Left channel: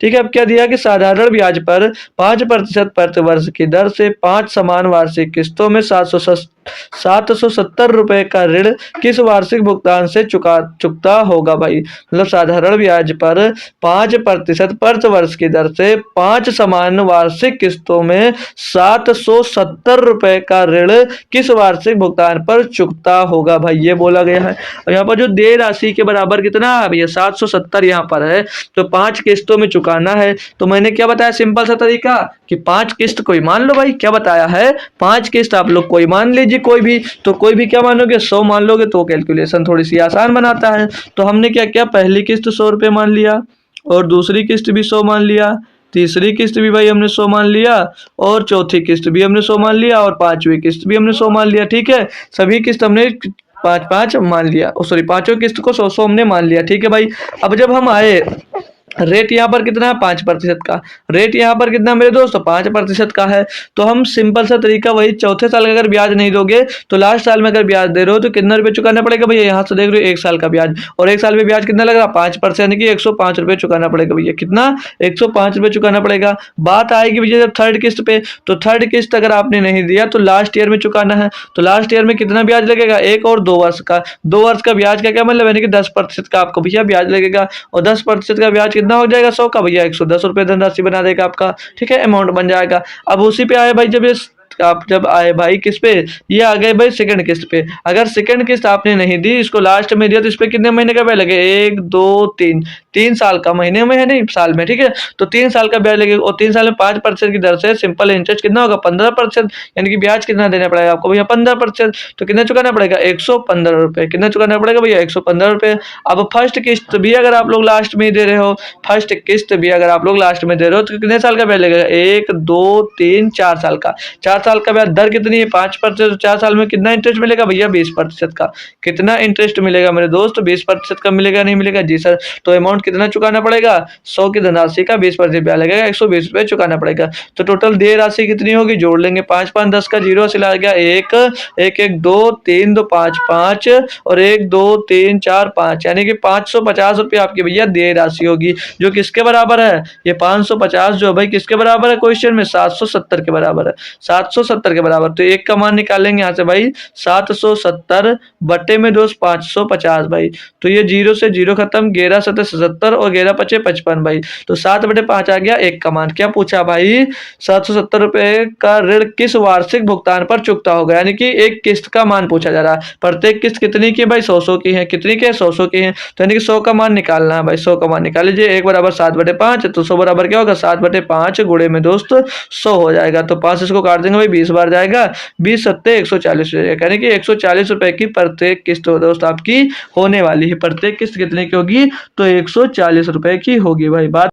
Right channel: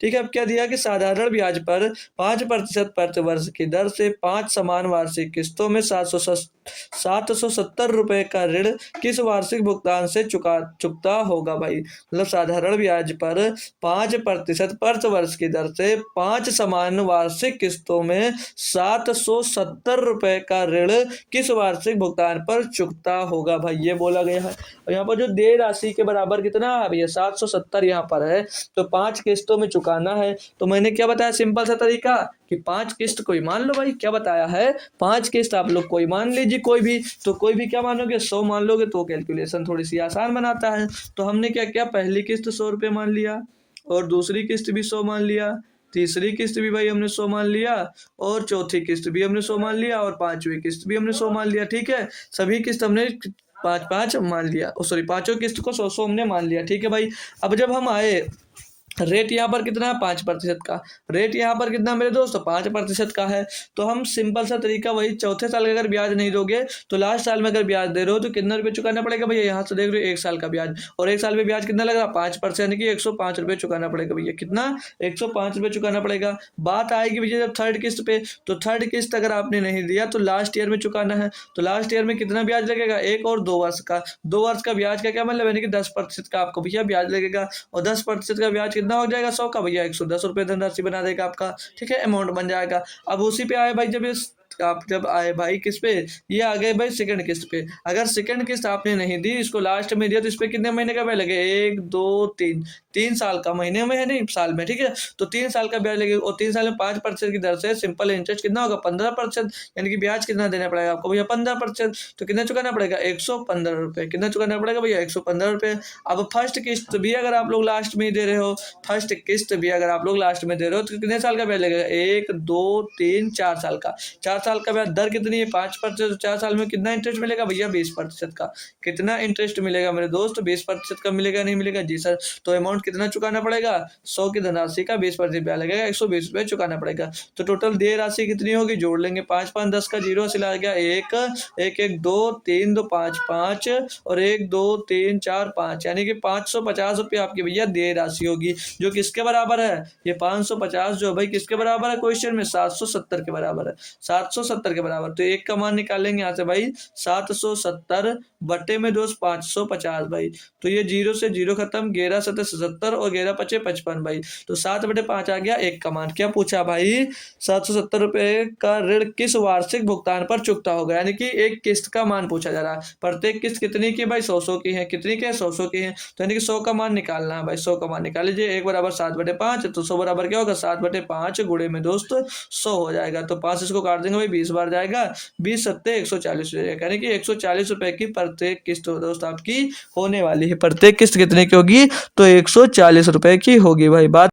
ठीक है। अब क्या दिया कि साधारण ब्याज पर 5% प्रति वर्ष की दर से 5 समान वार्षिक किस्तों में 770 रुपए का ऋण किस वार्षिक भुगतान से चुकता होगा भाई। मतलब साधारण ब्याज पर 5% प्रति वर्ष की दर से 5 समान वार्षिक किस्तों में 770 रुपए का ऋण किस वार्षिक भुगतान पर चुकता होगा भाई, ये बोला गया है। और यहाँ पर जो देय राशि के बराबर कितना है भैया 770 यहाँ पर है, तो 5 किस्तों में चुकाना है। तो मैंने क्या बताया सिंपल सा तरीका कि 5 किस्त कोई मान लो भाई, क्या बताया है 5 किस्त आप लोग कोई मान लीजिए, कोई भी, तो कोई भी क्या मानोगे 100 मान लोगे, तो कैलकुलेशन थोड़ी सी आसान बनाता है। तो हमने क्या किया, पहली किस्त 100 रुपये मान लिया, और दूसरी किस्त भी 100 मान लिया, तीसरी किस्त भी भाई हमने 100 मान लिया, और चौथी किस्त भी हमने 100 मान लिया, और पांचवी किस्त भी हमने 100 मान लिया। ठीक है, सभी किस्त हमने 5-5 मान लिया, सॉरी पांचों किस्त को 100-100 हमने मान लिया। ठीक है भाई, अब जब हम आए रेट यहाँ पर कितना है 5% का, रेट यहाँ पर कितना मेरे दोस्त 5% का है। तो हम सिंपल सा तरीका वही, चौथे साल का अगर ब्याज नहीं दोगे तो लास्ट साल में अगर ब्याज दे रहे हो तो कितना रुपये चुकाना पड़ेगा भैया, यहाँ से देख रहे हो 1 साल का ब्याज, और 1 साल में ब्याज कितना लग रहा 5%, यानी कि 105 रुपये चुकाना पड़ेगा भैया, कितना 105 रुपये चुकाना पड़ेगा। बात आएगी भैया जब थर्ड किस्त पे, तो थर्ड किस्त अगर आपने नहीं दिया तो लास्ट ईयर में चुकाना है, तो लास्ट ईयर में कितना ब्याज लगेगा 1 और 2 वर्ष का, 2 वर्ष का ब्याज का क्या मतलब, यानी कि 10% का आपको भैया ब्याज लगेगा, और 10% का ब्याज कितना हो जाएगा 100 का भैया 110 रुपये धनराशि बना देगा आपका। ठीक है, अमाउंट बन जाएगा। अब उसी पे आए भाई, जब ये आप जब आए भाई किस पे, ये आ गए भाई सेकंड किस्त पे। अगर सेकंड किस्त आपने नहीं दी, इसको लास्ट में दिया, तो इस पे कितने महीने का ब्याज लगे 1 2 3, 3 साल का, महीने में है नहीं साल में। ठीक है, तो 3 साल का ब्याज लगेगा, और 3 साल में 5% की दर से सिंपल इंटरेस्ट कितना होगा 15%, यानी कि ब्याज कितना देना पड़ेगा आपको भैया 15%। तो कितना चुकाना पड़ेगा 115 रुपये, कितना चुकाना पड़ेगा भैया 115 रुपये। अब फर्स्ट किस्त भी अगर आप लोग लास्ट में दे रहे हो, फर्स्ट किस्त भी अगर आप लोग लास्ट में दे रहे हो, तो कितने साल का ब्याज लगेगा 1 2 3 4 साल का, 4 साल का ब्याज दर कितनी है 5%, 4 साल में कितना इंटरेस्ट मिलेगा भैया 20% का। कितना इंटरेस्ट मिलेगा मेरे दोस्त 20% का मिलेगा, नहीं मिलेगा जी सर। तो अमाउंट कितना चुकाना पड़ेगा 100 की धनराशि का 20% ब्याज लगेगा, 120 रुपये चुकाना पड़ेगा। तो टोटल देय राशि कितनी होगी, जोड़ लेंगे 5 5 10 का 0 से ला गया 1 1 1 2 3 2 5 5 और 1 2 3 4 5, यानी कि 550 रुपये आपकी भैया देय राशि होगी, जो किसके बराबर है, ये 550 जो भाई किसके बराबर है क्वेश्चन में 770 के बराबर है, 770 के बराबर। तो एक का मान निकालेंगे यहाँ से भाई 770 बटे में दोस्त 550 भाई, तो ये 0 से 0 खत्म, 11 7 77 और 11 5 55 भाई, तो 7/5 आ गया एक का मान। क्या पूछा भाई 770 रुपए का ऋण किस वार्षिक भुगतान पर चुकता होगा, यानी कि एक किस्त का मान पूछा जा रहा है। प्रत्येक किस्त कितनी की भाई 100 की है, कितनी की है 100 की है, तो यानी कि 100 का मान निकालना है भाई, 100 का मान निकाल लीजिए। 1 बराबर 7/5, तो 100 बराबर क्या होगा 7/5 गुणे में दोस्त 100 हो जाएगा। तो 5 इसको काट देंगे भाई 20 बार जाएगा, 20 सत्ते 140 हो जाएगा, यानी कि 140 रुपए की प्रत्येक किस्त दोस्त आपकी होने वाली है। प्रत्येक किस्त कितने की होगी, तो 140 रुपए की होगी भाई। बात